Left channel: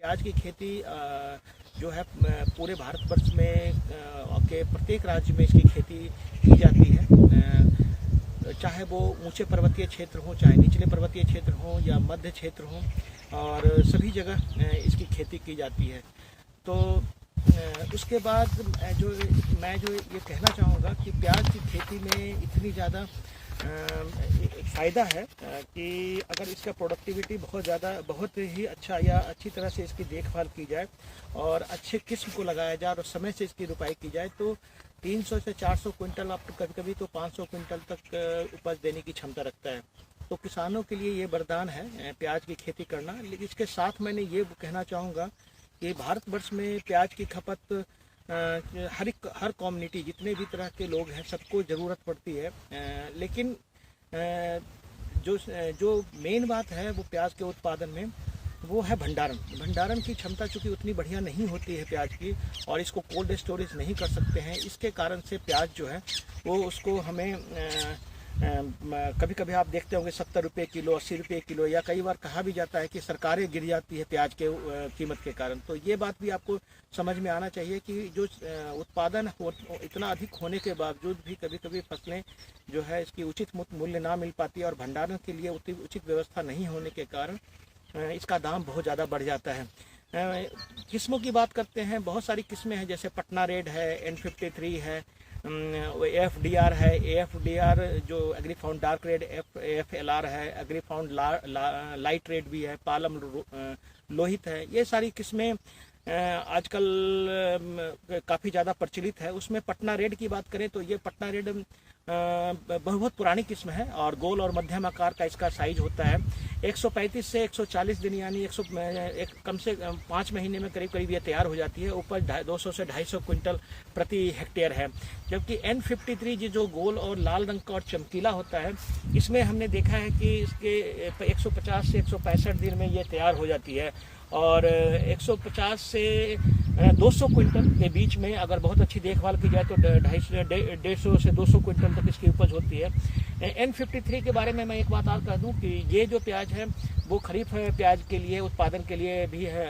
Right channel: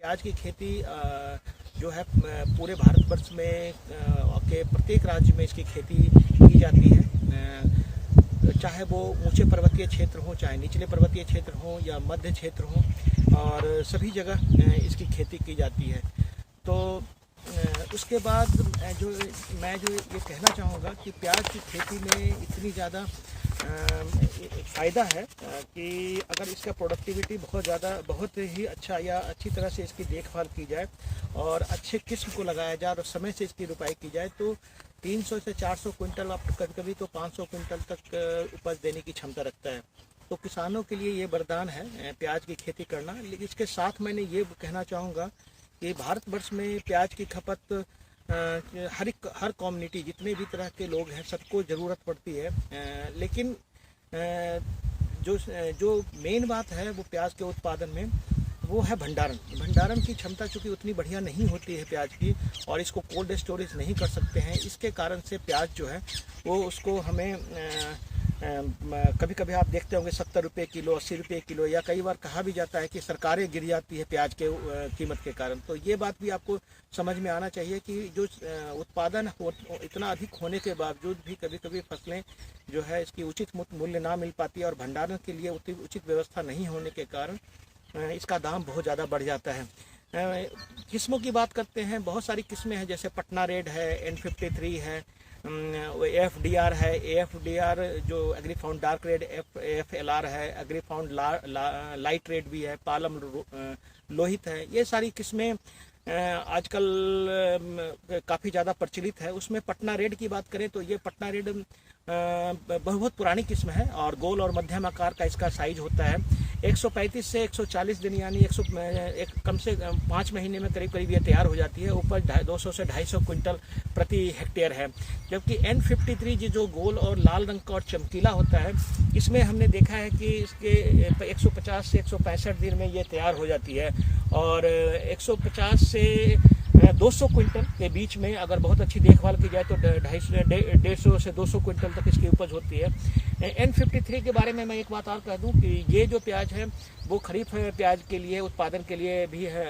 प्याज की खेती जो है पूरे भारतवर्ष में के प्रत्येक राज्य में इसकी खेती की जाती है। चाहे वो ऊंचे पर्वतीय क्षेत्र हो, चाहे निचले पर्वतीय क्षेत्र हो या मध्य क्षेत्र हो, और सभी जगह इसकी खेती की जाती है। तो उसके बाद मैं ये कहना चाहूँगा कि प्याज की खेती में इतनी ज़्यादा फ़ायदा है कि अगर इसका प्रोडक्टिविटी बहुत ही अच्छा या अच्छी तरह से इसकी देखभाल की जाए और अच्छे किस्म को लगाया जाए और समय से इसकी रुपाई की जाए तो 300 से 400 क्विंटल, अब कभी कभी तो 500 क्विंटल तक उपज देने की क्षमता रखता है। तो किसानों के लिए ये वरदान है प्याज की खेती करना। लेकिन इसके साथ मैंने ये कहना चाहूँगा कि भारतवर्ष में प्याज की खपत हर कम्युनिटी, जितने भी तरह के लोग हैं, सबको ज़रूरत पड़ती है। लेकिन जो मेन बात है वो प्याज के उत्पादन में वो है भंडारण की क्षमता चूँकि उतनी बढ़िया नहीं होती है प्याज की, और इसको कोल्ड स्टोरेज नहीं कर सकते हैं। इसके कारण से प्याज जो है वो उसको हमें कभी कभी आप देखते होंगे 70 रुपये किलो, 80 रुपये किलो, या कई बार कहा भी जाता है कि सरकारें गिर जाती है प्याज के कीमत के कारण। तो ये बात भी आपको समझ में आना चाहिए कि जो उत्पादन इतना अधिक होने के बावजूद भी कभी कभी फसलें जो है इसकी उचित मूल्य ना मिल पाती है, और भंडारण के लिए उचित व्यवस्था नहीं होने के कारण इसका दाम बहुत ज़्यादा बढ़ जाता है। किस्मों की बात करते हैं, बहुत सारी किस्में हैं, जैसे पटना रेड है, N53 है, FDR है, AFDR जो एग्रीफाउंड डार्क रेड, FLR है, एग्रीफाउंड लाइट रेड भी है, पालम लोहित है। ये सारी किस्में आजकल काफ़ी ज़्यादा प्रचलित है। उसमें पटना रेड की बात करें तो ये पटना रेड बहुत पुरानी किस्म है और गोल और मध्यम आकार का इसका साइज होता है। 135 से 140 दिन यानी कम से 5 महीने में करीब करीब ये तैयार हो जाती है। उपज 200 से 250 क्विंटल प्रति हेक्टेयर है। जबकि N53 जो गोल और लाल रंग का और चमकीला होता है, इसमें हमने देखा है कि इसके 150 से 165 दिन में ये तैयार हो जाती है, और 150 से 200 क्विंटल के बीच में अगर बहुत अच्छी देखभाल की जाए तो 150 से 200 क्विंटल तक इसकी उपज होती है। N53 के बारे में मैं एक बात और कह दूं कि ये जो प्याज है वो खरीफ प्याज के लिए उत्पादन के लिए भी है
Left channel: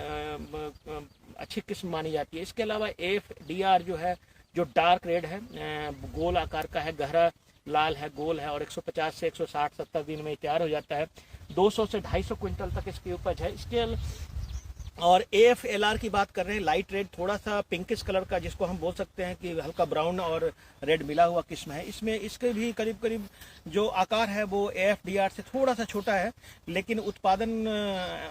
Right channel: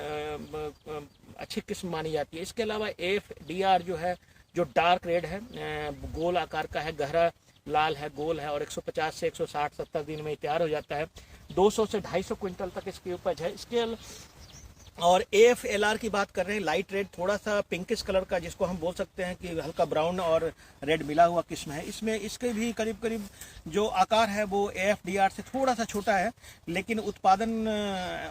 अच्छी किस्म मानी जाती है। इसके अलावा FDR जो है, जो डार्क रेड है, गोल आकार का है, गहरा लाल है, गोल है, और 150 से 160-70 दिन में तैयार हो जाता है। 200 से 250 क्विंटल तक इसकी उपज है। इसके और AFLR की बात कर रहे हैं, लाइट रेड, थोड़ा सा पिंकिश कलर का, जिसको हम बोल सकते हैं कि हल्का ब्राउन और रेड मिला हुआ किस्म है। इसमें इसके भी करीब करीब जो आकार है वो AFDR से थोड़ा सा छोटा है, लेकिन उत्पादन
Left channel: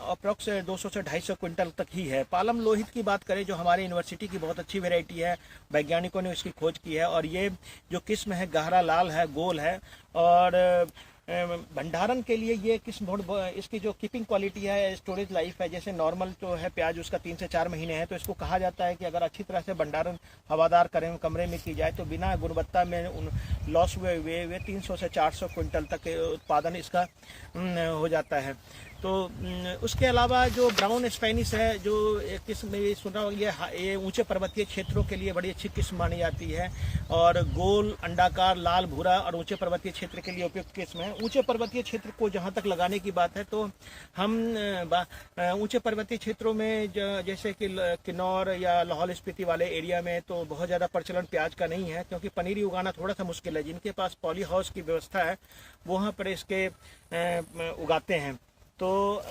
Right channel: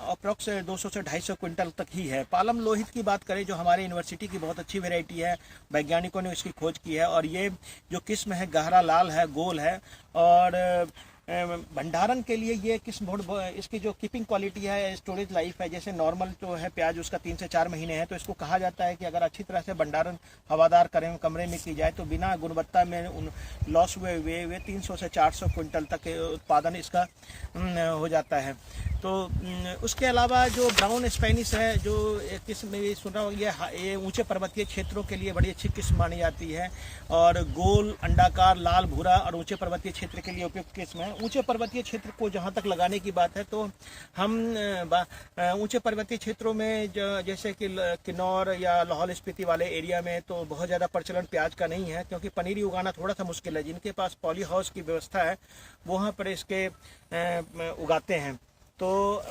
अप्रॉक्स 200 से 250 क्विंटल तक ही है। पालम लोहित की बात करें, जो हमारे यूनिवर्सिटी की बहुत अच्छी वेराइटी है, वैज्ञानिकों ने इसकी खोज की है, और ये जो किस्म है गहरा लाल है, गोल है, और भंडारण के लिए ये किस्म इसकी जो कीपिंग क्वालिटी है, स्टोरेज लाइफ है, जैसे नॉर्मल जो है प्याज उसका 3 से 4 महीने है, तो इसको कहा जाता है कि अगर अच्छी तरह से भंडारण हवादार कमरे में की जाए तो बिना गुणवत्ता में लॉस हुए 300 से 400 क्विंटल तक उत्पादन इसका हो जाता है। तो उसके अलावा जो ब्राउन स्पेनिश है, जो किस्म में सुना ये ऊंचे पर्वतीय क्षेत्रों के लिए बड़ी अच्छी किस्म मानी जाती है, और गोल, अंडाकार, लाल, भूरा और ऊंचे पर्वतीय क्षेत्र के लिए उपयुक्त किस्म है। ऊंचे पर्वतीय क्षेत्र को जहां तक लगाने की बात है तो हम ऊंचे पर्वतीय क्षेत्रों में जैसे कि किन्नौर या लाहौल स्पीति वाले एरिया में तो बहुत ज़्यादा प्रचलन प्याज का नहीं है, क्योंकि पनीरी उगाना थोड़ा सा मुश्किल है। जिनके पास पॉली हाउस की व्यवस्था है वहाँ पर इसके उगाते हैं। तो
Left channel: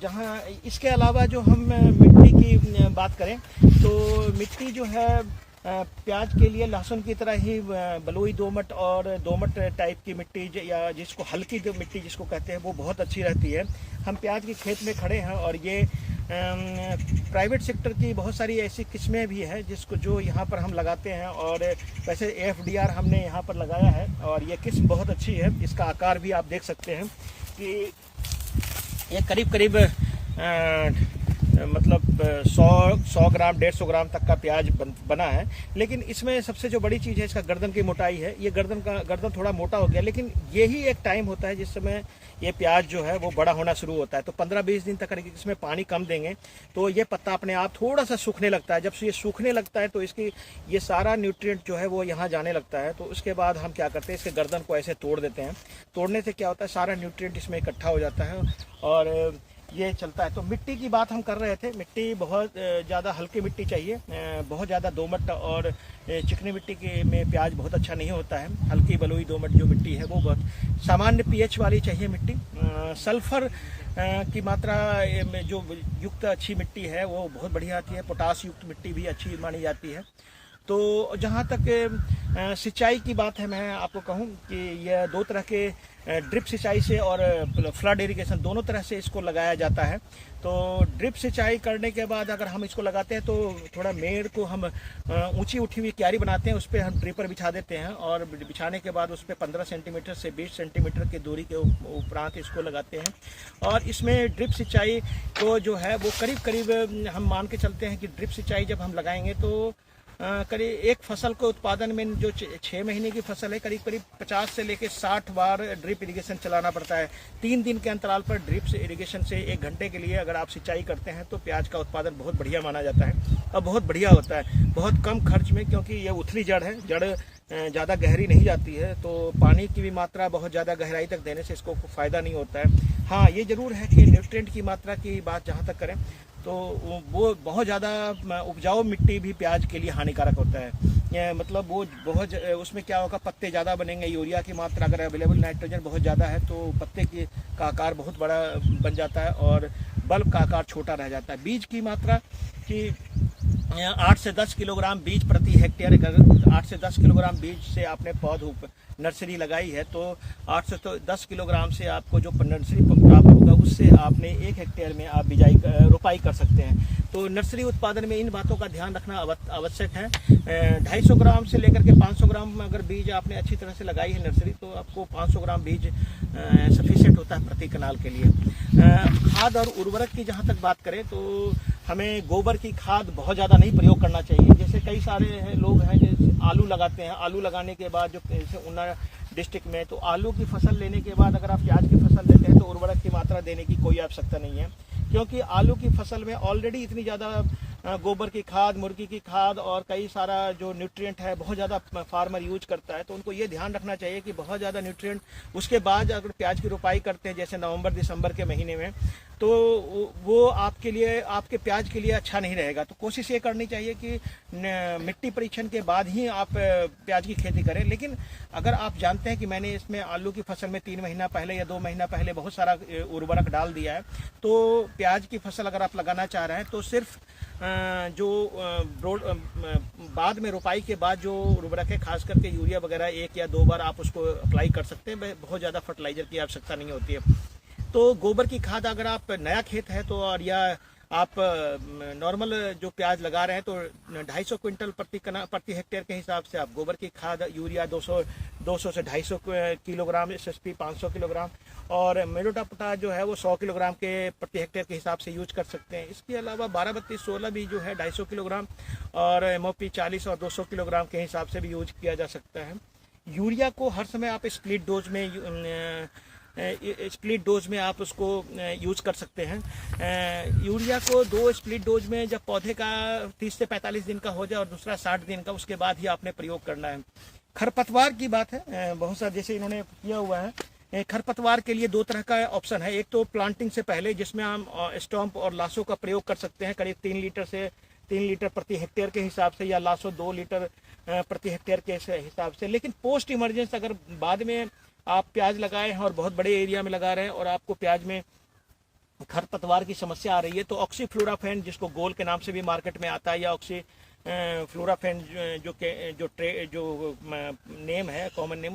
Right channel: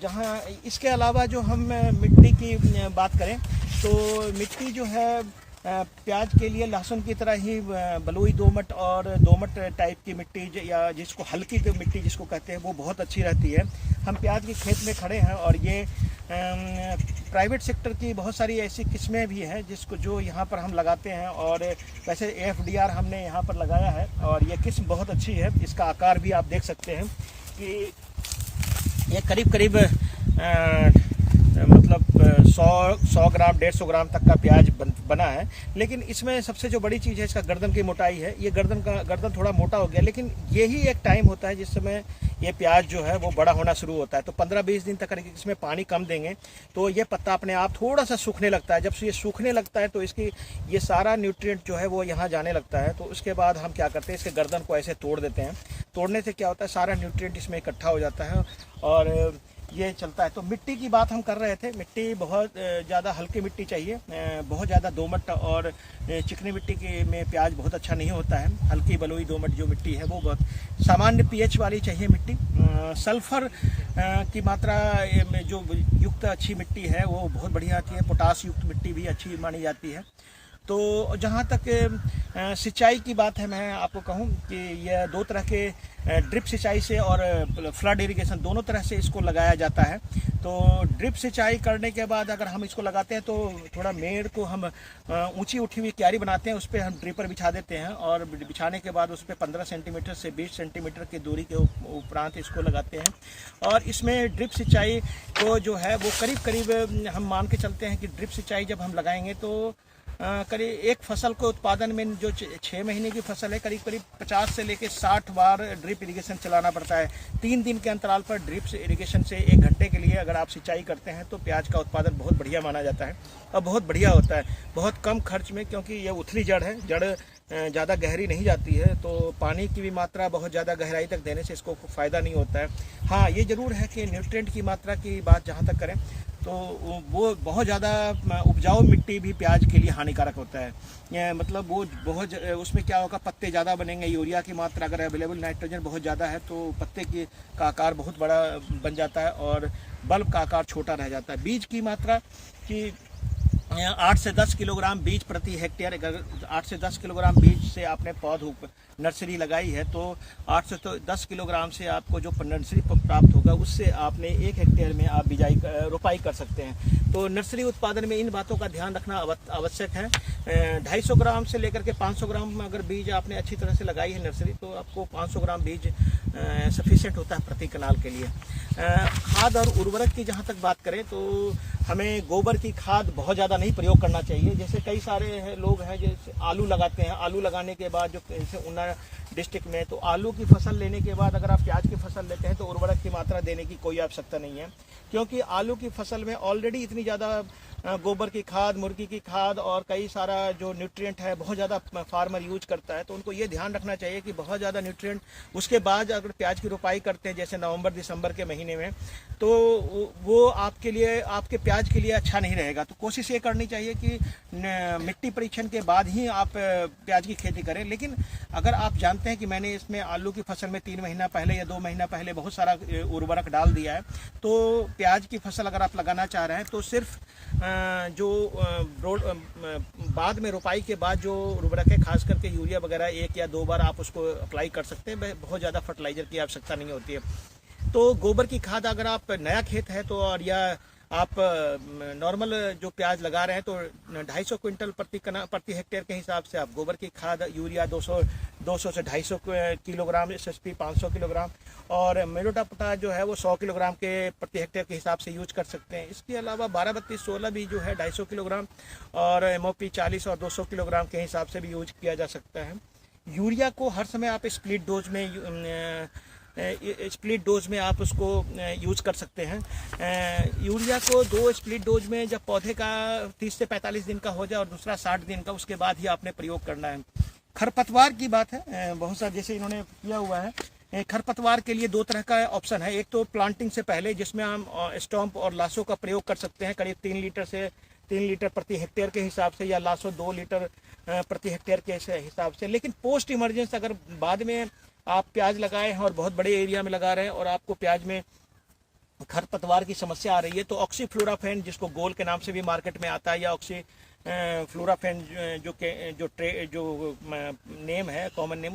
जहाँ इसके अलावा जो हम मिट्टी की बात करें तो मिट्टी जो है प्याज के लिए लहसुन की तरह ही बलुई दोमट और दोमट टाइप की मिट्टी, या जिसको हल्की मिट्टी जिसको कहते हैं, वो बहुत अच्छी रहती है। हम प्याज के खेत में खड़े हैं और ये प्राइवेट सेक्टर की बहुत सारी ऐसी किस्में भी हैं जो यहाँ पर हम लगाते हैं, और वैसे AFDR हमने यहाँ पर लगाया है और ये किस्म बहुत अच्छी है। इसका आकार भी आप देख सकते हैं कि ये करीब करीब मतलब 100 ग्राम 150 ग्राम तक का प्याज बना है। लेकिन इसमें सबसे जो बड़ी चीज़ है इसका गर्दन की मोटाई है। ये गर्दन थोड़ा मोटा हो गया, लेकिन यही एक टाइम होता है जिस समय ये प्याज जो है वो बड़ा होना शुरू होता है। तो 15-20 दिन तक अगर इसमें पानी कम देंगे तो ये पत्ता अपने आप थोड़ा सा सूखने लगता है। जब ये सूखने लगता है तो इसकी ये सारा न्यूट्रिएंट जो है वो यहाँ जाने लगता है। तो उसके बाद हम क्या करते हैं, इसके गर्दन को ऐसे तोड़ देते हैं। तोड़ने से क्या होता है, सारा न्यूट्रिएंट इसमें इकट्ठा हो जाता है और ये चलता है। तो मिट्टी की बात हम कर रहे थे, मिट्टी बहुत ज़्यादा हल्की मिट्टी चाहिए, बहुत ज़्यादा दोमट और चिकनी मिट्टी के में प्याज बहुत अच्छा नहीं होता है। हल्की बलुई दोमट जो मिट्टी है वो बहुत सामान्य पीएच वाली चाहिए मिट्टी। सल्फर की मात्रा जो युक्त अच्छी मिट्टी है वो बहुत बढ़िया आती है। पोटास युक्त मिट्टी भी अच्छी मानी जाती है। तो जहाँ तक सिंचाई की बात है, मैं आपको कहूँ कि यह दो तरह के ड्रिप सिंचाई से और फ्लड इरिगेशन दोनों तरह से इसको लगाया जाता है। तो ड्रिप सिंचाई करने के बाद अगर हम इसको लगाते हैं तो थोड़ा मेड़ को हम ऊंची उठी हुई क्यारी बनाते हैं, उस पर हम ड्रिपर बिछा देते हैं और बिछाने के बाद उस पर 15 सेंटीमीटर से 20 सेंटीमीटर की दूरी के उपरांत इसको लगाते हैं। और इसमें ड्रिप सिंचाई को जो है वो करीब करीब हम मान के चलते हैं कि ड्रिप सिंचाई जब हम लगाएंगे तो करीब एक फसल को उत्पादन में जो 6 महीने की फसल है करीब करीब 50 से लेकर 60 बार ड्रिप इरिगेशन चलाना पड़ता है। 3 दिन के अंतराल पर ड्रिप इरिगेशन से 1 घंटे के लिए अगर आप सिंचाई करते हैं तो प्याज का उत्पादन बहुत बढ़िया माना जाता है और बहुत बढ़िया होता है, बहुत कम खर्च में, क्योंकि यह उथली जड़ है, जड़ ज़्यादा गहरी नहीं जाती है, तो पानी की भी मात्रा बहुत ज़्यादा गहराई तक देने से इसको फ़ायदा नहीं होता है। हाँ, ये ज़रूर है कि न्यूट्रिएंट की मात्रा की बात जहाँ तक करें तो वो बहुत ज़्यादा उपजाऊ मिट्टी भी प्याज के लिए हानिकारक होता है। मतलब वो बहुत उसमें क्या होगा, पत्ते ज़्यादा बनेंगे। यूरिया की मात्रा अगर अवेलेबल नाइट्रोजन बहुत ज़्यादा है तो पत्ते का आकार बहुत बड़ा बन जाता है और बल्ब का आकार छोटा रह जाता है। बीज की मात्रा की 8 से 10 किलोग्राम बीज प्रति हेक्टेयर, अगर 8 से 10 किलोग्राम बीज से आपने पौध नर्सरी लगाई है तो 8 से 10 किलोग्राम से आपको जो नर्सरी प्राप्त होगा उससे आपने 1 हेक्टेयर में आप रोपाई कर सकते हैं। तो नर्सरी उत्पादन में इन बातों का ध्यान रखना आवश्यक है। 250 ग्राम से लेकर के 500 ग्राम अगर बीज आपने अच्छी तरह से लगाई है नर्सरी तो आपको 500 ग्राम बीज सफिशिएंट होता है प्रति कनाल के लिए। खाद और उर्वरक की जहाँ तक बात करें तो हमें गोबर की खाद बहुत ज़्यादा नहीं प्रयोग करना चाहिए। जैसे कई सारे लोग हैं जैसे आलू लगाते हैं, आलू लगाने के बाद जो जैसे ऊना डिस्ट्रिक्ट में तो आलू की फसल लेने के बाद अगर आप प्याज की फसल लेते हैं तो उर्वरक की मात्रा देने की कोई आवश्यकता नहीं है, क्योंकि आलू की फसल में ऑलरेडी इतनी ज़्यादा गोबर की खाद, मुर्गी की खाद और कई सारा जो न्यूट्रिएंट है बहुत ज़्यादा फार्मर यूज करता है। तो उनको ये ध्यान रखना चाहिए कि बहुत ज़्यादा न्यूट्रिएंट उसके बाद अगर प्याज की रोपाई करते हैं जैसे नवंबर दिसंबर के महीने में तो वो आपके लिए, आपके प्याज के लिए अच्छा नहीं रहेगा। तो कोशिश ये करनी चाहिए कि मिट्टी परीक्षण के बाद ही आप प्याज की खेती करें। लेकिन अगर आप जानते हैं कि मैंने इसमें आलू की फसल में 3 महीना पहले या 2 महीना पहले बहुत सारा उर्वरक डाल दिया है, तो प्याज की फसल अगर आप लगाना चाह रहे हैं तो सिर्फ जो बाद में रोपाई के बाद जो उर्वरक है, खास करके यूरिया वगैरह 1 या 2 बार आप उसको अप्लाई कर सकते हैं। बहुत ज़्यादा फर्टिलाइजर की आवश्यकता नहीं होती है। तो गोबर की खाद अगर आप नया खेत है तो और या आप नॉर्मल जो प्याज लगा रहे हैं तो 250 क्विंटल प्रति हेक्टेयर के हिसाब से आप गोबर की खाद, यूरिया 200 से 250 किलोग्राम, SSP 500 किलोग्राम और मेलोटा पोटाश जो है वो 100 किलोग्राम के प्रति हेक्टेयर के हिसाब से यूज कर सकते हैं। इसके अलावा 12-32-16 भी जो है 250 किलोग्राम और MOP 40 और 200 किलोग्राम के हिसाब से भी यूज किया जा सकता है। यूरिया को हर समय आप स्प्लिट डोज में आप उसको यूज कर सकते हैं। यूरिया को 2 स्प्लिट डोज में जब पौधे का 30 से 45 दिन का हो जाए और दूसरा 60 दिन का, उसके बाद ही आपने प्रयोग करना है। खरपतवार की बात है, बहुत सारा जैसे इन्होंने किया हुआ है। खरपतवार के लिए 2 तरह का ऑप्शन है। एक तो प्लांटिंग से पहले जिसमें हम स्टॉम्प और लाशों का प्रयोग कर सकते हैं करीब 3 लीटर प्रति हेक्टेयर के हिसाब से, या लाशों 2 लीटर प्रति हेक्टेयर के हिसाब से। लेकिन पोस्ट इमरजेंस अगर बाद में आप प्याज लगाए हैं और बहुत बड़े एरिया में लगा रहे हैं और आपको प्याज में खरपतवार की समस्या आ रही है तो ऑक्सीफ्लोराफेन, जिसको गोल के नाम से भी मार्केट में आता है, या फ्लोराफेन जो नेम है, कॉमन नेम,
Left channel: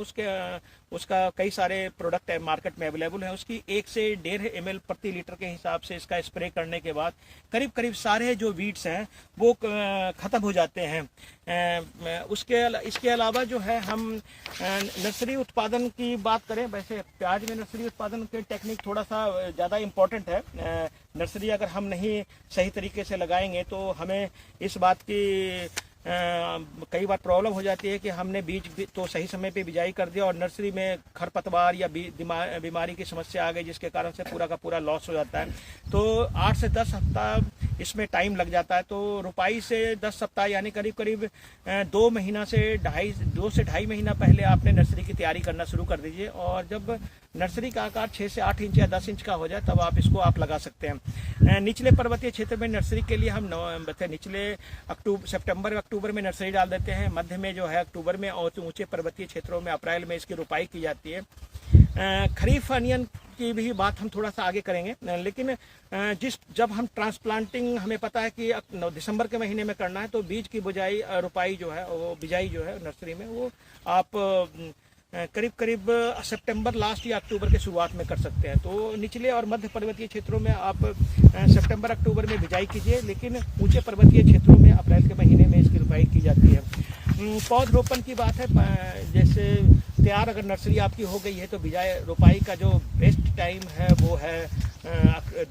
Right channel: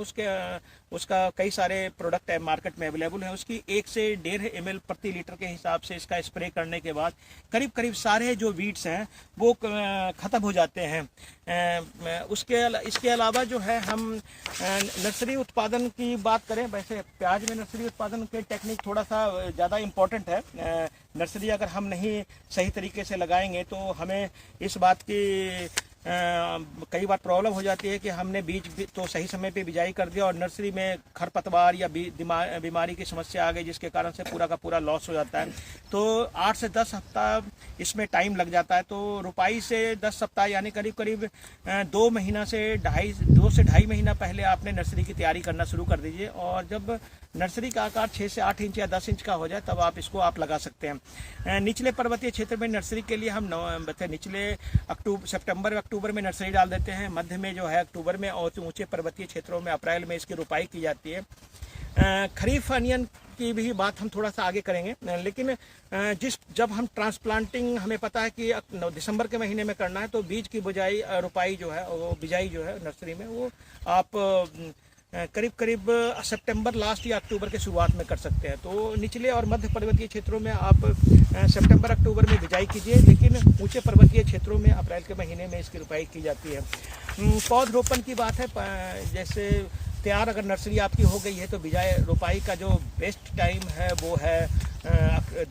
उसका कई सारे प्रोडक्ट है मार्केट में अवेलेबल है। उसकी 1 से 1.5 ml प्रति लीटर के हिसाब से इसका स्प्रे करने के बाद करीब करीब सारे जो वीड्स हैं वो ख़त्म हो जाते हैं। इसके अलावा जो है हम नर्सरी उत्पादन की बात करें, वैसे प्याज में नर्सरी उत्पादन के टेक्निक थोड़ा सा ज़्यादा इम्पोर्टेंट है। नर्सरी अगर हम नहीं सही तरीके से लगाएंगे तो हमें इस बात की कई बार प्रॉब्लम हो जाती है कि हमने बीज तो सही समय पे बिजाई कर दिया और नर्सरी में खरपतवार या बीमारी की समस्या आ गई, जिसके कारण से पूरा का पूरा लॉस हो जाता है। तो 8 से 10 हफ्ता इसमें टाइम लग जाता है। तो रुपाई से 10 सप्ताह यानी करीब करीब 2 महीना से 2 से ढाई महीना पहले आपने नर्सरी की तैयारी करना शुरू कर दीजिए। और जब नर्सरी का आकार 6 से 8 इंच या 10 इंच का हो जाए तब आप इसको आप लगा सकते हैं। निचले पर्वतीय क्षेत्र में नर्सरी के लिए हम निचले सितंबर अक्टूबर में नर्सरी डाल देते हैं, मध्य में जो है अक्टूबर में, और ऊंचे पर्वतीय क्षेत्रों में अप्रैल में इसकी रोपाई की जाती है। खरीफ अनियन की भी बात हम थोड़ा सा आगे करेंगे, लेकिन जब हम ट्रांसप्लांटिंग हमें पता है कि दिसंबर के महीने में करना है, तो बीज की बुझाई रोपाई जो है वो बिजाई जो है नर्सरी में वो आप करीब सितंबर लास्ट या अक्टूबर के शुरुआत में कर सकते हैं। तो निचले और मध्य पर्वतीय क्षेत्रों में आप सितंबर अक्टूबर में बिजाई कीजिए, लेकिन ऊंचे पर्वतीय क्षेत्रों में अप्रैल के महीने में इसकी रोपाई की जाती है। पौधरोपण की बात है, जैसे तैयार अगर नर्सरी आपकी हो गई है तो बिजाई रोपाई का जो बेस्ट टाइम है वो है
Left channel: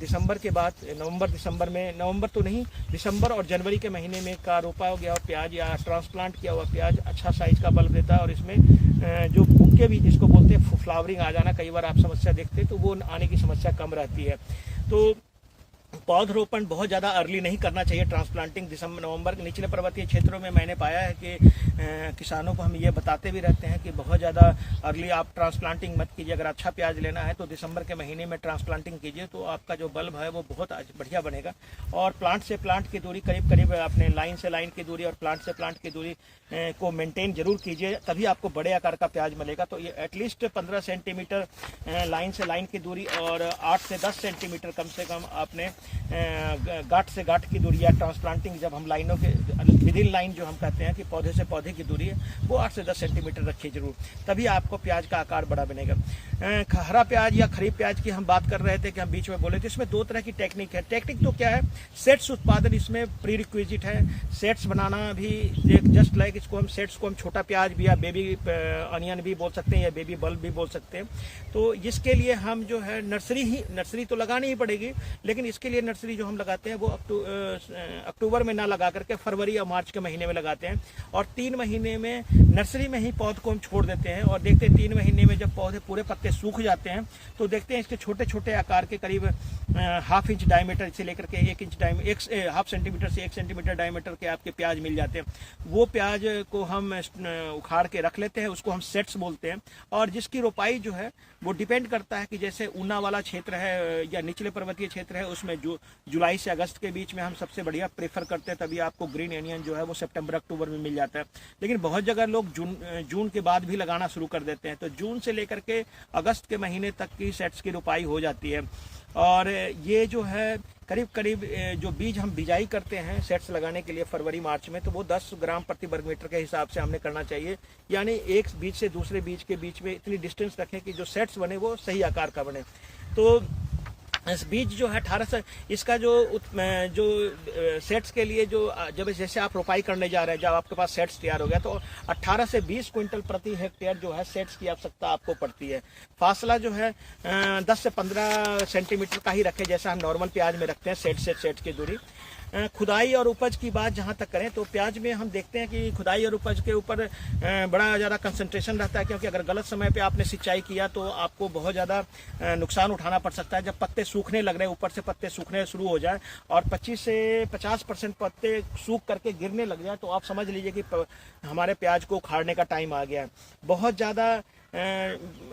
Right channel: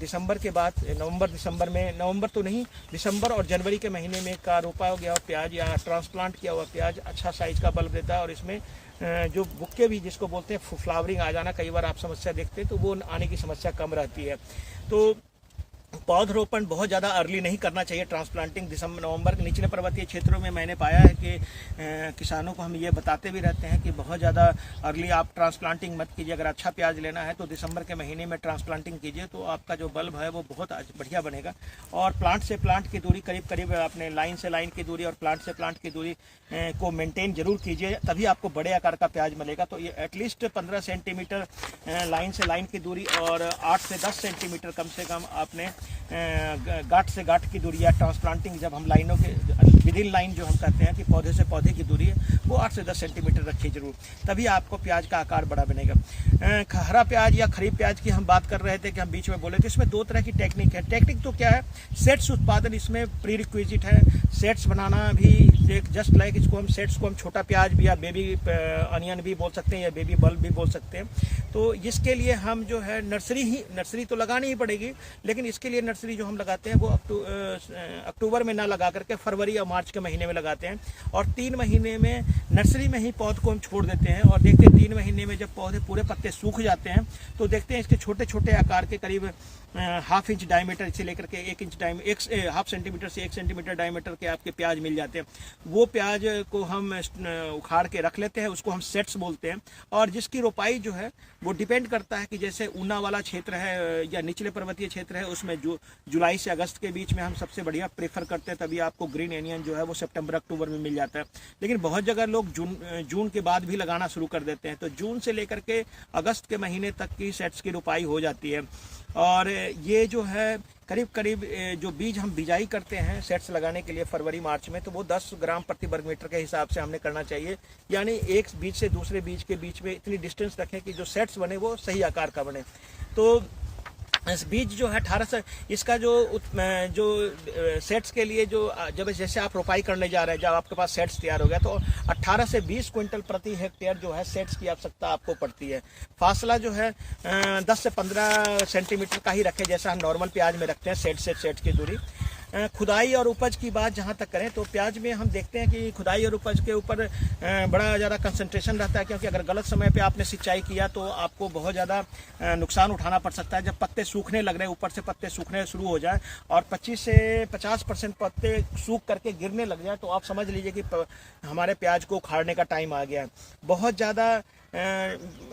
दिसंबर के बाद, नवंबर तो नहीं, दिसंबर और जनवरी के महीने में का रोपा हो गया हो प्याज या ट्रांसप्लांट किया हुआ प्याज अच्छा साइज का बल्ब देता है, और इसमें जो बुक्के भी जिसको बोलते हैं फ्लावरिंग आ जाना, कई बार आप समस्या देखते हैं, तो वो आने की समस्या कम रहती है। तो पौधरोपण बहुत ज़्यादा अर्ली नहीं करना चाहिए ट्रांसप्लांटिंग दिसंबर नवंबर के निचले पर्वतीय क्षेत्रों में। मैंने पाया है कि किसानों को हम ये बताते भी रहते हैं कि बहुत ज़्यादा अर्ली आप ट्रांसप्लांटिंग मत कीजिए। अगर अच्छा प्याज लेना है तो दिसंबर के महीने में ट्रांसप्लांटिंग कीजिए, तो आपका जो बल्ब है वो बहुत बढ़िया बनेगा। और प्लांट से प्लांट की दूरी करीब अपने लाइन से लाइन की दूरी और प्लांट से प्लांट की दूरी को मेंटेन जरूर कीजिए, तभी आपको बड़े आकार का प्याज मिलेगा। तो ये एटलीस्ट 15 सेंटीमीटर लाइन से लाइन की दूरी और 8 से 10 सेंटीमीटर कम से कम आपने गांठ से गांठ की दूरी, या ट्रांसप्लांटिंग जब हम लाइनों के विदिन लाइन जो हम कहते हैं कि पौधे से पौधे की दूरी है वो 8 से 10 सेंटीमीटर रखिए जरूर, तभी आपको प्याज का आकार बड़ा बनेगा। हरा प्याज या खरीफ प्याज की हम बात कर रहे थे कि हम बीच में बोले थे, इसमें 2 तरह की टेक्निक है। टेक्निक तो क्या है, सेट्स उत्पादन इसमें प्री रिक्विजिट है। सेट्स बनाना भी एक जस्ट लाइक इसको हम सेट्स को हम छोटा प्याज भी या बेबी अनियन भी बोल सकते हैं या बेबी बल्ब भी बोल सकते हैं। तो इसके लिए हम जो है नर्सरी तो लगानी ही पड़ेगी, लेकिन इसके लिए नर्सरी जो हम लगाते हैं वो अक्टूबर में ना लगा करके फरवरी या मार्च के महीने में लगाते हैं, और 3 महीने में नर्सरी में ही पौध को हम छोड़ देते हैं। और देखते हैं 3 महीने में जब पौधे पूरे पत्ते सूख जाते हैं तो देखते हैं इसके छोटे छोटे आकार के करीब ½ इंच डायमीटर से लेकर के 1 इंच ½ सेंटीमीटर से 1 सेंटीमीटर डायमीटर के आपके प्याज मिल जाते हैं। वो प्याज को हम उखाड़ के रख लेते हैं, उसको हम सेट्स बोलते हैं। और जिसकी रोपाई जो है वो डिपेंड करता है कि जैसे ऊना वाला क्षेत्र है या निचले पर्वतीय क्षेत्र है, उसमें जुलाई से अगस्त के बीच में हम सबसे बढ़िया प्रेफर करते हैं, तभी आपको ग्रीन एनियन जो है वो सितंबर अक्टूबर में मिल जाता है। लेकिन बहुत जगह लोग जून के बाद भी लगाना शुरू कर देते हैं, तो जून से लेकर के अगस्त के महीने तक की सेट्स की रोपाई हो जाती है। और ये जो है करीब जो बीज हम बिजाई करते हैं सेट्स लगाने के लिए फरवरी मार्च में, तो वो 10 ग्राम प्रति वर्ग मीटर के हिसाब से हमने करना चाहिए। यानी एक बीज से दूसरे बीज के बीच में इतनी डिस्टेंस रखें कि जो सेट्स बने वो सही आकार का बने। तो इस बीज जो है 18 से इसका जो सेट्स के लिए जब जैसे आप रोपाई करने जा रहे हैं, जब आपके पास सेट्स तैयार हो गया तो 18 से 20 क्विंटल प्रति हेक्टेयर जो है सेट्स की आवश्यकता आपको पड़ती है। फासला जो है 10 से 15 सेंटीमीटर का ही रखें, जैसा हम नॉर्मल प्याज में रखते हैं सेट से सेट की दूरी। खुदाई और उपज की बात जहाँ तक करें तो प्याज में हम देखते हैं कि खुदाई और उपज के ऊपर बड़ा ज़्यादा कंसंट्रेशन रहता है, क्योंकि अगर गलत समय पे आपने सिंचाई किया तो आपको बहुत ज़्यादा नुकसान उठाना पड़ सकता है। जब पत्ते सूखने लग रहे हैं, ऊपर से पत्ते सूखने शुरू हो जाए और 25 से 50% पत्ते सूख करके गिरने लग जाए, तो आप समझ लीजिए कि हमारे प्याज को उखाड़ने का टाइम आ गया है।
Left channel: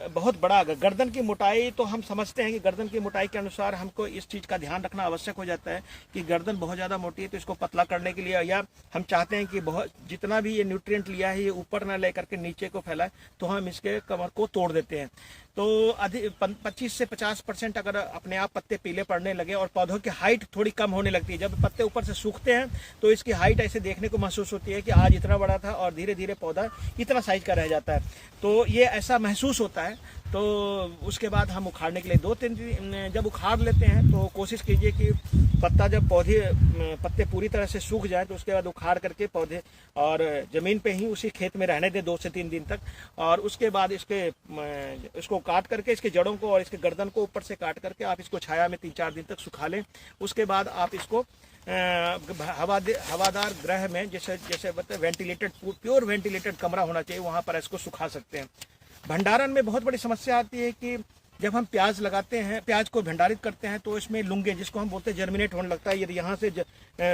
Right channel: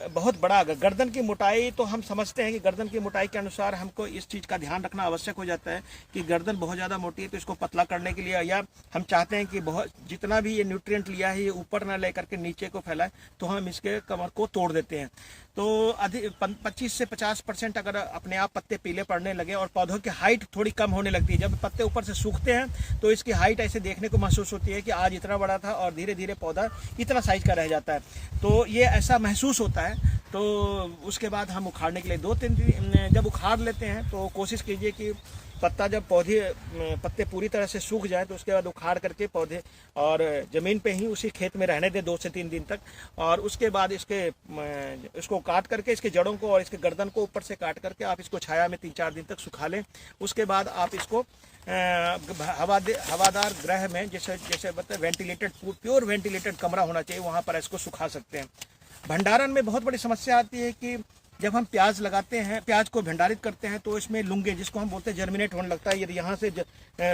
बहुत बड़ा गर्दन की मोटाई, तो हम समझते हैं कि गर्दन की मोटाई के अनुसार हमको इस चीज़ का ध्यान रखना आवश्यक हो जाता है कि गर्दन बहुत ज़्यादा मोटी है तो इसको पतला करने के लिए, या हम चाहते हैं कि बहुत जितना भी ये न्यूट्रिएंट लिया है ये ऊपर ना ले करके नीचे को फैलाए, तो हम इसके कमर को तोड़ देते हैं। तो अधिक 25 से 50% अगर अपने आप पत्ते पीले पड़ने लगे और पौधों की हाइट थोड़ी कम होने लगती है, जब पत्ते ऊपर से सूखते हैं तो इसकी हाइट ऐसे देखने को महसूस होती है कि आज इतना बड़ा था और धीरे धीरे पौधा इतना साइज का रह जाता है, तो ये ऐसा महसूस होता है। तो उसके बाद हम उखाड़ने के लिए 2-3 दिन जब उखाड़ लेते हैं तो कोशिश कीजिए कि जब पत्ते पूरी तरह से सूख जाए तो उसके बाद उखाड़ करके पौधे और ज़मीन पे ही उसी खेत में रहने दें 2 से 3 दिन तक, और उसके बाद इसको काट करके इसके जड़ों को और इसके गर्दन को ऊपर से काट करके आप इसको छाया में 3-4 दिन तक सुखा लें। उसके बाद आप इसको हवादार गृह में जैसे बताए वेंटिलेटेड, प्योर वेंटिलेटेड कमरा होना चाहिए, वहाँ पर इसको सुखा सकते हैं। भंडारण में बहुत बड़ी समस्या आती है कि जब हम प्याज लगाते हैं, प्याज को भंडारित करते हैं तो इसमें लुंगे, जिसको हम बोलते हैं जर्मिनेट होने लगता है, यदि यहाँ से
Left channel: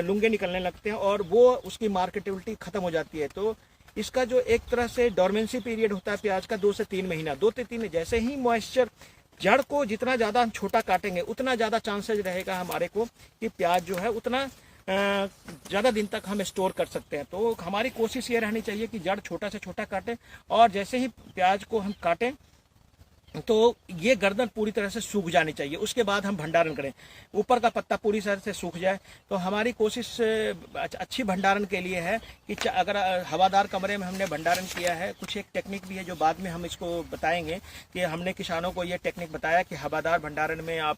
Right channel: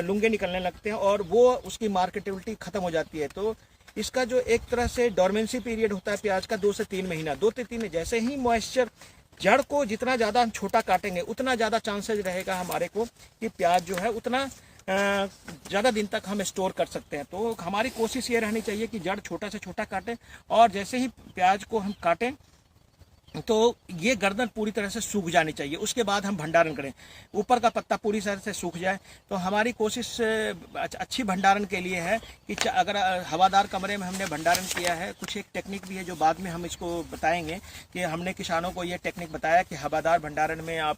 लुंगे निकलने लगते हैं और वो उसकी मार्केटेबिलिटी खत्म हो जाती है। तो इसका जो एक तरह से डोरमेंसी पीरियड होता है प्याज का 2 से 3 महीना, 2 से 3 जैसे ही मॉइस्चर, जड़ को जितना ज़्यादा हम छोटा काटेंगे उतना ज़्यादा चांसेस रहेगा हमारे को कि प्याज जो है उतना ज़्यादा दिन तक हम स्टोर कर सकते हैं। तो हमारी कोशिश ये रहनी चाहिए कि जड़ छोटा से छोटा काटें, और जैसे ही प्याज को हम काटें तो ये गर्दन पूरी तरह से सूख जानी चाहिए, उसके बाद हम भंडारण करें। ऊपर का पत्ता पूरी तरह से सूख जाए। तो हमारी कोशिश अच्छी भंडारण के लिए है कि अगर हवादार कमरे में हमने भंडारण किया है, कुछ एक टेक्निक भी है जो बाद में हम इसको बताएंगे कि हमने किसानों को ये टेक्निक बताया कि हवादार भंडारण में आप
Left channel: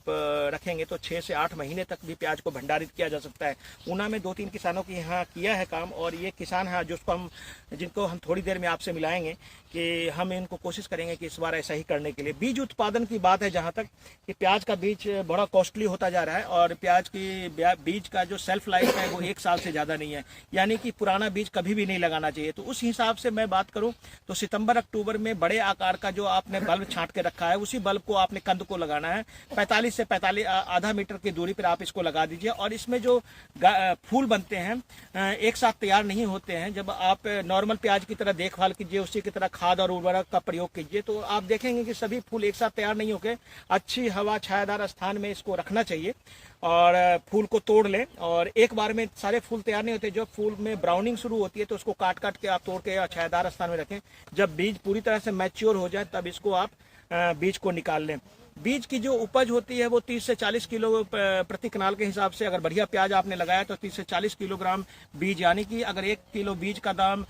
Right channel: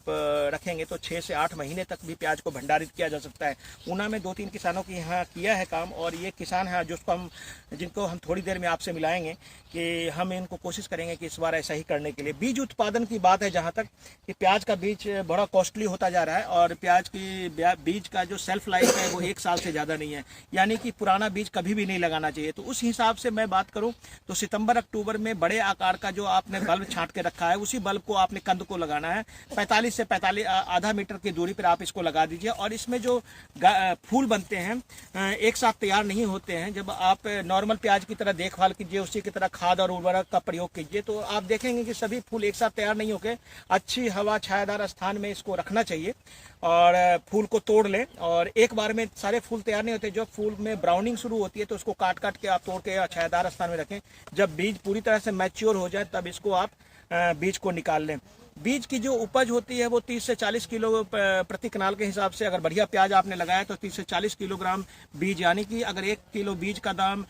रखेंगे तो 6 से 8 महीने तक भी प्याज को भंडारित किया जा सकता है। ऊना में 2-3 किसानों के यहाँ किया है काम, और ये किसान है जिनको हम थोड़ी देर में आपसे मिलाएंगे कि हम इनको कोशिश करेंगे कि इस बार ऐसा ही करने के लिए। बीज उत्पादन की बात है जहाँ तक, कि प्याज का बीज बड़ा कॉस्टली होता जा रहा है, और प्याज की बीज का जो सेल्फ लाइफ है वो 1 साल से ज़्यादा नहीं है, यानी कि पुराना बीज कभी भी नहीं लगाना चाहिए। तो उस हिसाब से मैं बात करूँ तो सितंबर अक्टूबर में बड़े आकार का जो आपने बल्ब छांट के रखा है, उसी बल्ब को आपने कंद को लगाना है। 45 से 45 आधा मीटर की दूरी पर आप इसको लगा दीजिए। और इसमें जो फूल बनते हैं एक साथ तैयार नहीं होते हैं। जब आप नॉर्मल प्याज की तरह देखभाल कीजिए, उसी की तरह खाद और उर्वरक का प्रयोग कीजिए, तो आप देखेंगे कि सभी फूल एक साथ तैयार नहीं होके अच्छी हवा छायादार स्थान में इसको रखना चाहिए। और फूल को तोड़ लें, और एक बार में सारे फूल तैयार नहीं होते। जब फूल में ब्राउनिंग शुरू होती है तो उसको काट काट के आप तोड़ के छायादार स्थान में रखें। जब बीज पूरी तरह से मैच्योर हो जाए तब इसको आप बीज को निकाल लें। बीज की जो उपज होती है वो 30 से 40 किलो प्रति कनाल के हिसाब से, अगर बढ़िया प्याज आपने लगाया तो 30 से 40 किलोग्राम बीज, यानी कि अगर 1 किलो बीज का दाम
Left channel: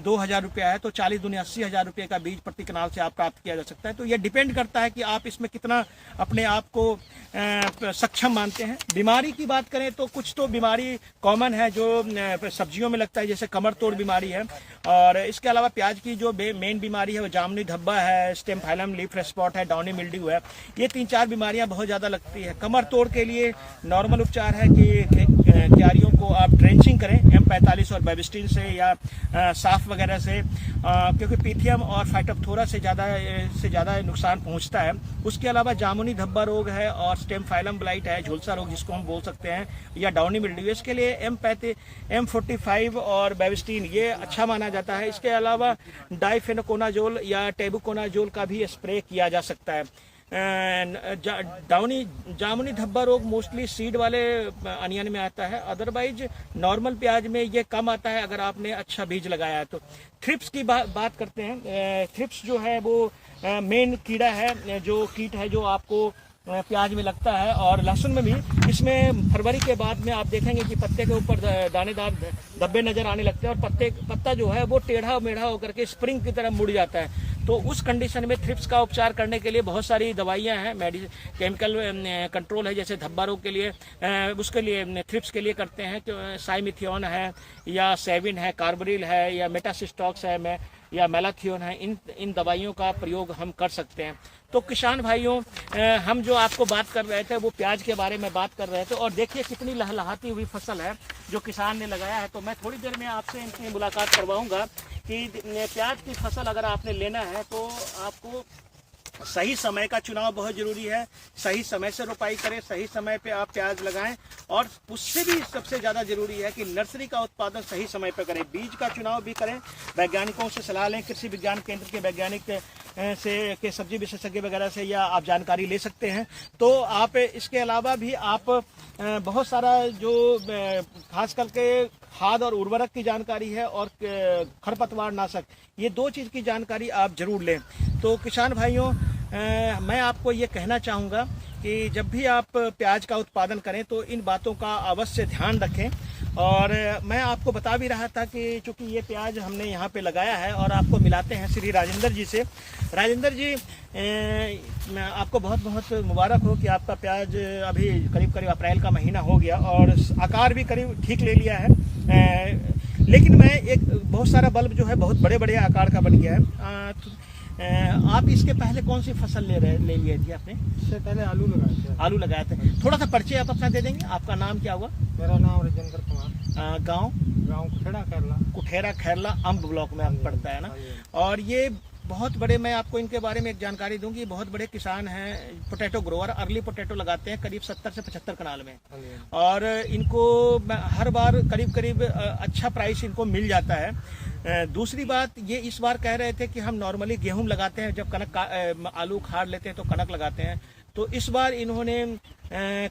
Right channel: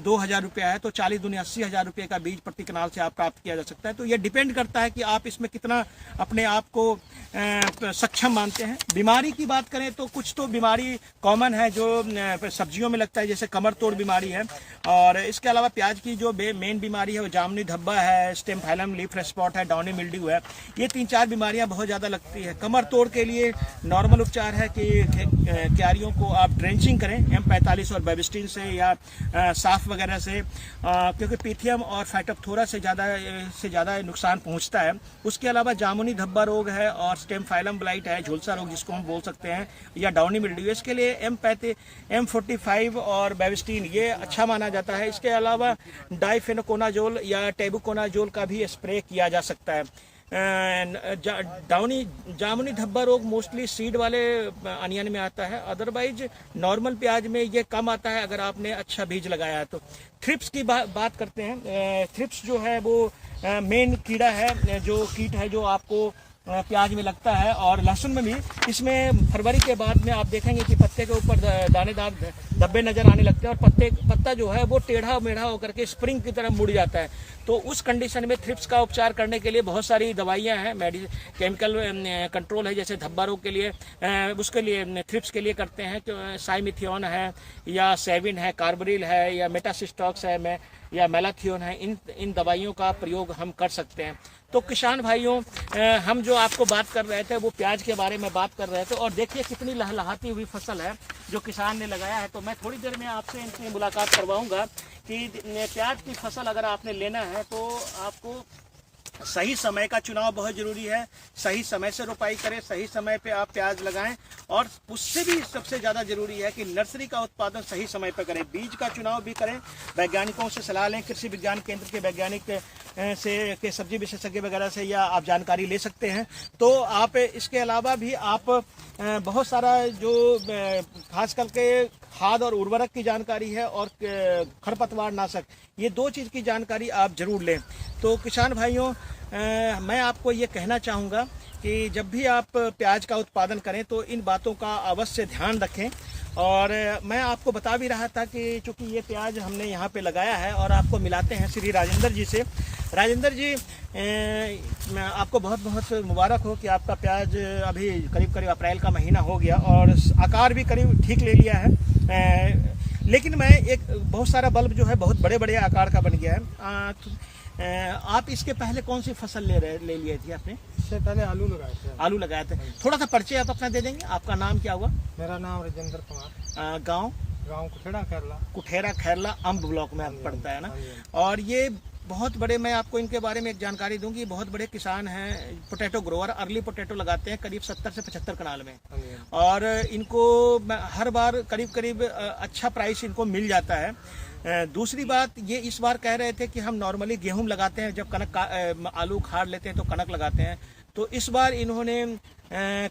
2,000 रुपया है तो 40 दूनी 80,000 रुपये का बीज प्रति कनाल से आप प्राप्त किया जा सकता है। तो ये डिपेंड करता है कि आप इसमें कितना अपने आप को सक्षम मानते हैं। बीमारी की बात करें तो कुछ तो बीमारी कॉमन है जो सब्जियों में लगता है, जैसे कमर तोड़ बीमारी है। और इसके अलावा प्याज की जो मेन बीमारी है वो जामुनी धब्बा है, स्टेम फाइलम लीफ स्पॉट है, डाउनी मिल्ड्यू है। ये 3-4 बीमारियां बहुत ज़्यादा लगती है। कमर तोड़ के लिए नॉर्मल उपचार है कि क्यारियों को आप ड्रेंचिंग करें M45 और बेबिस्टिन से या साफ वगैरह से, क्योंकि पीथियम और फाइटोप्थोरा से ज़्यादा नुकसान पहुंचता है। उसके अलावा जामुनी धब्बा रोग है और स्टेम फाइलम ब्लाइट है, झुलसा रोग जिसको हम बोल सकते हैं, या डाउनी मिल्ड्यू। इसके लिए M45 और बेबिस्टिन ये अच्छा माना जाता है। इसके अलावा डाइफेनोकोनाजोल या टेबुकोनाजोल का भी स्प्रे किया जा सकता है। जामुनी धब्बा रोग मोस्टली सीड वाले अनियन में आता है, अदरवाइज नॉर्मल प्याज में ये कम आता है अगर आपने अच्छा बीज लगाया है तो। थ्रिप्स की बात करते हैं। थ्रिप्स जो है वो मेन कीड़ा है, जो कीट है जो आपको प्याज में लगता है, और लहसुन में भी। इसमें फरवरी के बाद में आप देखेंगे कि पत्ते के ऊपर दानेदार धब्बे नजर आने लगते हैं, और पत्ता जो है वो टेढ़ा मेढ़ा होकर के स्प्रिंग की तरह मुड़ जाता है। तो उस कंडीशन में थ्रिप्स का उपचार करने के लिए बहुत सारी दवाइयां हैं, केमिकल कंट्रोल है, जैसे धब्बा रोग के लिए उसके लिए थ्रिप्स के लिए करते हैं तो साइमिथियोन है, या सेविन है, कार्बरिल है, या मेटासिस्टॉक्स है, या मेलाथियोन है। इन दवाइयों का प्रयोग हम कर सकते हैं। तो किसान भाइयों, हम जो आपको बात कर रहे थे वो प्याज के बारे में बात कर रहे थे, और देखिए कितनी लहलहाती हुई फसल है जो किसान ने लगाया है। तो मैं थोड़ी देर में आपसे इनकी मुलाकात करवाऊंगा कि प्याज की फसल अगर आपने लेना है तो आपको सही समय का चुनाव बहुत जरूरी है। सही समय से रोपाई करें, सही समय पे आप प्याज लगाएं, और उससे भी सबसे ज्यादा जरूरी है कि नर्सरी का उत्पादन सही समय पे करें। बीज का चुनाव भी करें, वैज्ञानिकों से सलाह लें, कृषि विज्ञान केंद्र के वैज्ञानिक के सब्जी विशेषज्ञ वगैरह से या आप जानकारी ले सकते हैं। तो आप इसके अलावा भी आप बहुत सारा जो खास करके खाद और उर्वरक की जानकारी है और खरपतवार नाशक, ये 2 चीज़ की जानकारी आप जरूर लें। तो किसान भाइयों, मैं आपको ये कहना चाहूँगा कि जब भी आप प्याज का उत्पादन करें तो इन बातों का अवश्य ध्यान रखें। और मैं आपको बता भी रहा था कि चूंकि ये प्याज हमने यहाँ पे लगाया है, और आपको मिलाते हैं श्री राजेंद्र जी से। राजेंद्र जी, आपको बहुत बहुत मुबारक हो कि आपका प्याज अभी करीब करीब अप्रैल का महीना हो गया और आकार भी करीब ठीक ले लिया है। लेकिन मैं बहुत सारा बल्ब जो है बहुत बड़े बड़े आकार का बन गया है। आप इसके पहले कौन सी फसल ले लिए थी आपने? इससे पहले आलू लगाए थे। आलू लगाए थे। थोड़ा सा परिचय आप अपना दे देंगे? आपका नाम क्या हुआ? मेरा नाम राजेंद्र कुमार। गांव कुठेरा खैरला अम्ब ब्लॉक में पड़ता है ना। और ये बहुत बड़े, मैं आपको इनके बारे में एक जानकारी दूंगी, बहुत बड़े किसान हैं, पोटैटो ग्रोअर, अर्ली पोटैटो लगाते हैं करीब 70 से 75 कनाल में, और इनको हर बार करीब करीब अच्छा प्राइस इनको मिल जाता है। दूसरी बात ये इस बार कह रहे थे कि हम नॉर्मली गेहूं लगाते हैं, जब आलू उखाड़ लेते हैं तो कनक लगाते हैं। तो इस बार इन्होंने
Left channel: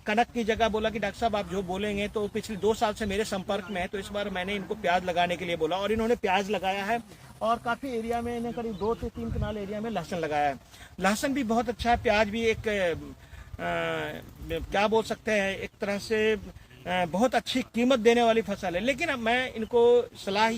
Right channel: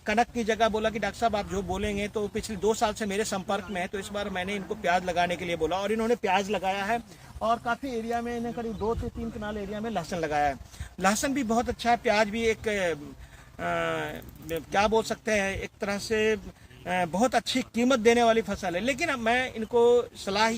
कनक की जगह बोला कि डॉक्टर साहब आप जो बोलेंगे, तो पिछले 2 साल से मेरे संपर्क में है, तो इस बार मैंने इनको प्याज लगाने के लिए बोला और इन्होंने प्याज लगाया है। और काफ़ी एरिया में इन्हें करीब 2 से 3 कनाल एरिया में लहसुन लगाया है। लहसुन भी बहुत अच्छा है, प्याज भी एक क्या बोल सकते हैं, एक तरह से बहुत अच्छी कीमत देने वाली फसल है। लेकिन अब मैं इनको सलाह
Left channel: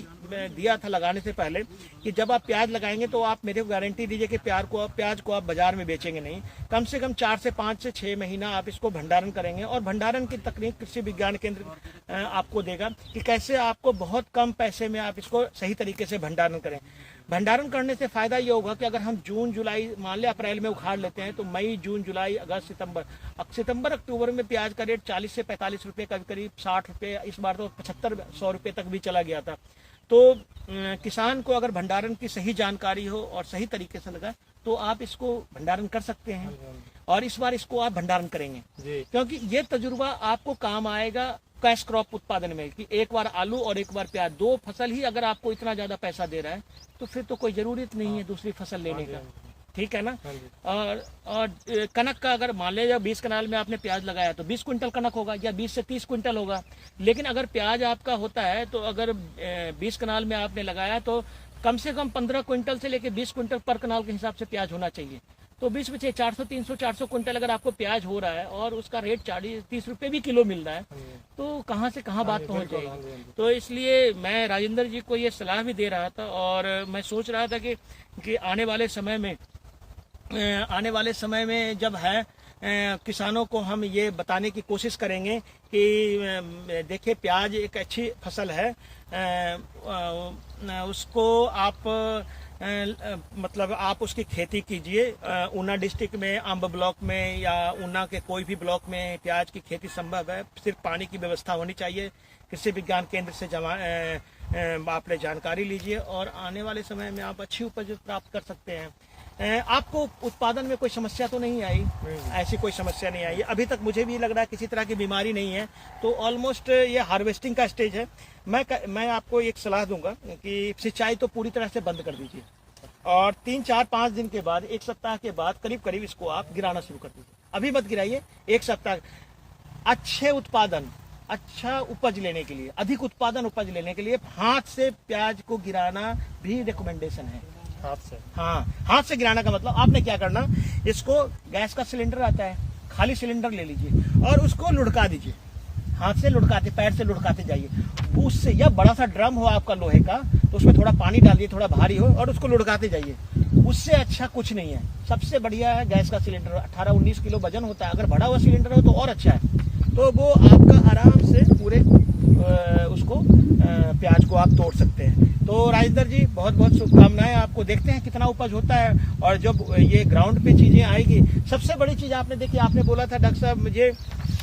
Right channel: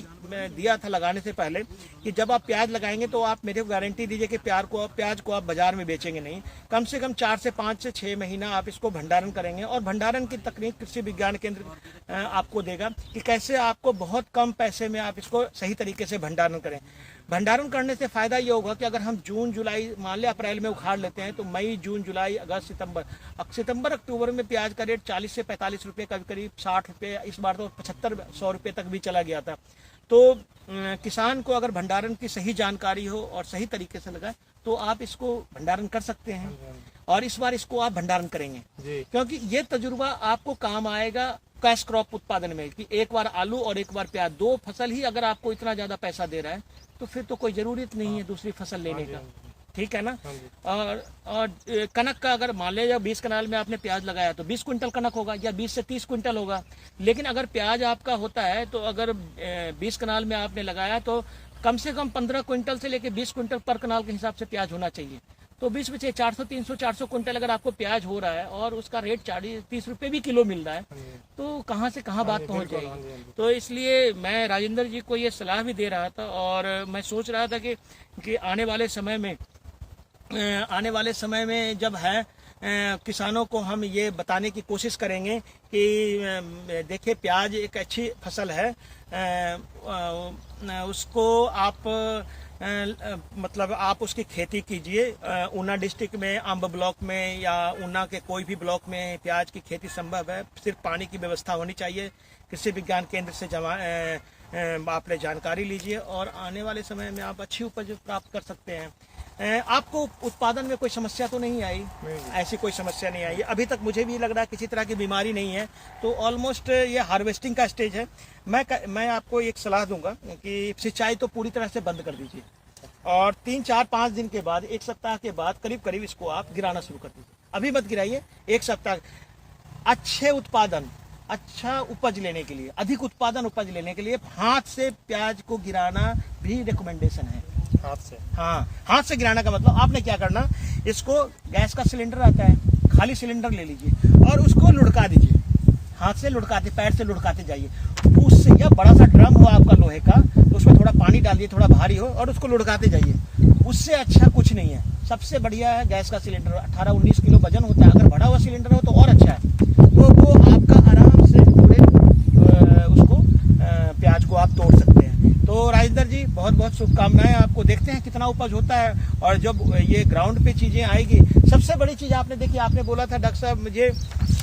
दिया था लगाने से पहले कि जब आप प्याज लगाएंगे तो आप मेरे को गारंटी दीजिए कि प्याज को आप बाजार में बेचेंगे नहीं। कम से कम 4 से 5 से 6 महीना आप इसको भंडारण करेंगे और भंडारण की तकनीक कृषि विज्ञान केंद्र आपको देगा कि कैसे आपको बहुत कम पैसे में आप इसको सही तरीके से भंडारण करें। भंडारण करने से फायदा ये होगा कि अगर हम जून जुलाई मान लें अप्रैल में उखाड़ लेते हैं, तो मई जून जुलाई अगस्त सितंबर अक्टूबर में प्याज का रेट 40 से 45 रुपये, कभी करीब 60 रुपये, इस बार तो 75-100 रुपये तक भी चला गया था। तो किसान को अगर भंडारण की सही जानकारी हो और सही तरीके से लगाए तो आप इसको भंडारण कर सकते हैं। और इस बार इसको आप भंडारण करेंगे क्योंकि ये तजुर्बा आपको काम आएगा कैश क्रॉप उत्पादन में कि एक बार आलू और एक बार प्याज, 2 फसल ही अगर आपको इतना ज्यादा पैसा दे रहा है तो फिर तो कोई जरूरत नहीं है दूसरी फसल लेने का। ठीक है ना। और कनक का अगर मान लीजिए 20 कनाल में आपने प्याज लगाया तो 20 क्विंटल कनक होगा या 20 से 30 क्विंटल होगा। लेकिन अगर प्याज आपका होता है तो अगर 20 कनाल में आपने लगाया तो कम से कम 15 क्विंटल से लेकर 20 क्विंटल पर कनाल के हिसाब से प्याज होना चाहिए। तो 20 में 400-300-400 क्विंटल अगर आपको प्याज हो रहा है और उसका रेट 40-30 रुपये भी किलो मिल रहा है तो कहाँ से कहाँ बात पहुँच जाएगी। तो इसलिए मैं राजेंद्र जी को ये सलाह भी दे रहा था और मैं सोच रहा था कि आने वाले समय में जब है किसानों को हम ये बताने की कोशिश करेंगे कि देखिए प्याज एक अच्छी फसल है, उसको आप मतलब आप उसकी खेती कीजिए। ऊना डिस्ट्रिक्ट में अंब ब्लॉक में या ऊना के कोई भी ब्लॉक में प्याज की खेती संभव है, सिर्फ पानी की व्यवस्था होनी चाहिए। कृषि विज्ञान केंद्र से आपने जानकारी लीजिए और आने वाले समय में आप अच्छी उपज प्राप्त कर सकते हैं। आपको उत्पादन में कोई समस्या तो नहीं आई? ऐसी कोई समस्या नहीं आई अभी तक, मुझे भी लग रहा है किसी तरह की बीमारी नहीं है। तो ऑलमोस्ट ये हार्वेस्टिंग का स्टेज है। मैं आपको एक सलाह दूंगा कि सिंचाई तो पूरी तरह से बंद कर दीजिए और 3-4-5 दिन के बाद, 1 सप्ताह के बाद करीब इसको आप गिराना शुरू कर दीजिए। अभी मत गिराइए, 1 सप्ताह अच्छे उत्पादन, अच्छा उपज लेने के लिए, अधिक उत्पादन उपज लेने के लिए हाथ से प्याज को गिराना भी रिकमेंडेशन है। हाथ से? हाँ, हाथ से गिराना का मतलब आपने क्या करना, इसको गैस का सिलेंडर आता है, खाली सिलेंडर ले लीजिए और उसको लुढ़का दीजिए। हाथ से लुढ़काते, पैर से लुढ़काते जाइए। उससे या बड़ा सा ड्रम हो आपका लोहे का तो उसमें थोड़ा पानी डाल दिए, थोड़ा भारी हो, और उसको लुढ़काते जाइए। उससे अच्छा कुछ नहीं है। सबसे बढ़िया है गैस का सिलेंडर, 18-19 किलो वजन होता है। अगर बड़ा हुआ सिलेंडर हो तो और अच्छा है। तो वो आपका आराम से पूरे उसको प्याज को आप तोड़ सकते हैं। तो राजेंद्र जी बहुत बहुत शुभकामनाएं आपको। देखते हैं कितना उपज होता है और जब ये ग्राउंड पे चीजें आएगी। सबसे बड़ी चीज आपने देखी, आपने बोला था डॉक्टर साहब मुझे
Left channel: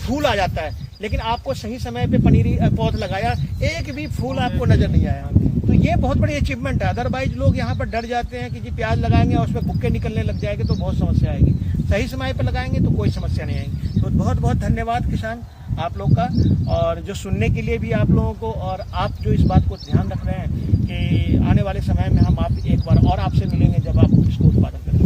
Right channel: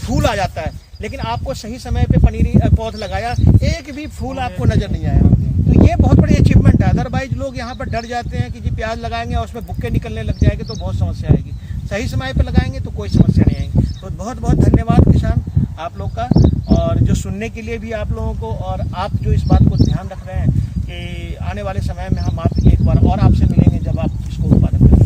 फूल आ जाता है, लेकिन आपको सही समय पे पनीरी पौध लगाया, एक भी फूल आपको नजर नहीं आया। तो ये बहुत बड़ी अचीवमेंट है। अदरवाइज लोग यहाँ पर डर जाते हैं कि जी प्याज लगाएंगे और उसमें बुक्के निकलने लग जाएंगे तो बहुत समस्या आएगी। सही समय पे लगाएंगे तो कोई समस्या नहीं आएगी। तो बहुत बहुत धन्यवाद किसान आप लोग का, और जो सुनने के लिए भी आप लोगों को, और आप जो इस बात को ध्यान रख रहे हैं कि आने वाले समय में हम आप एक बार और आपसे मिलेंगे जब आप इसको उत्पादन करेंगे।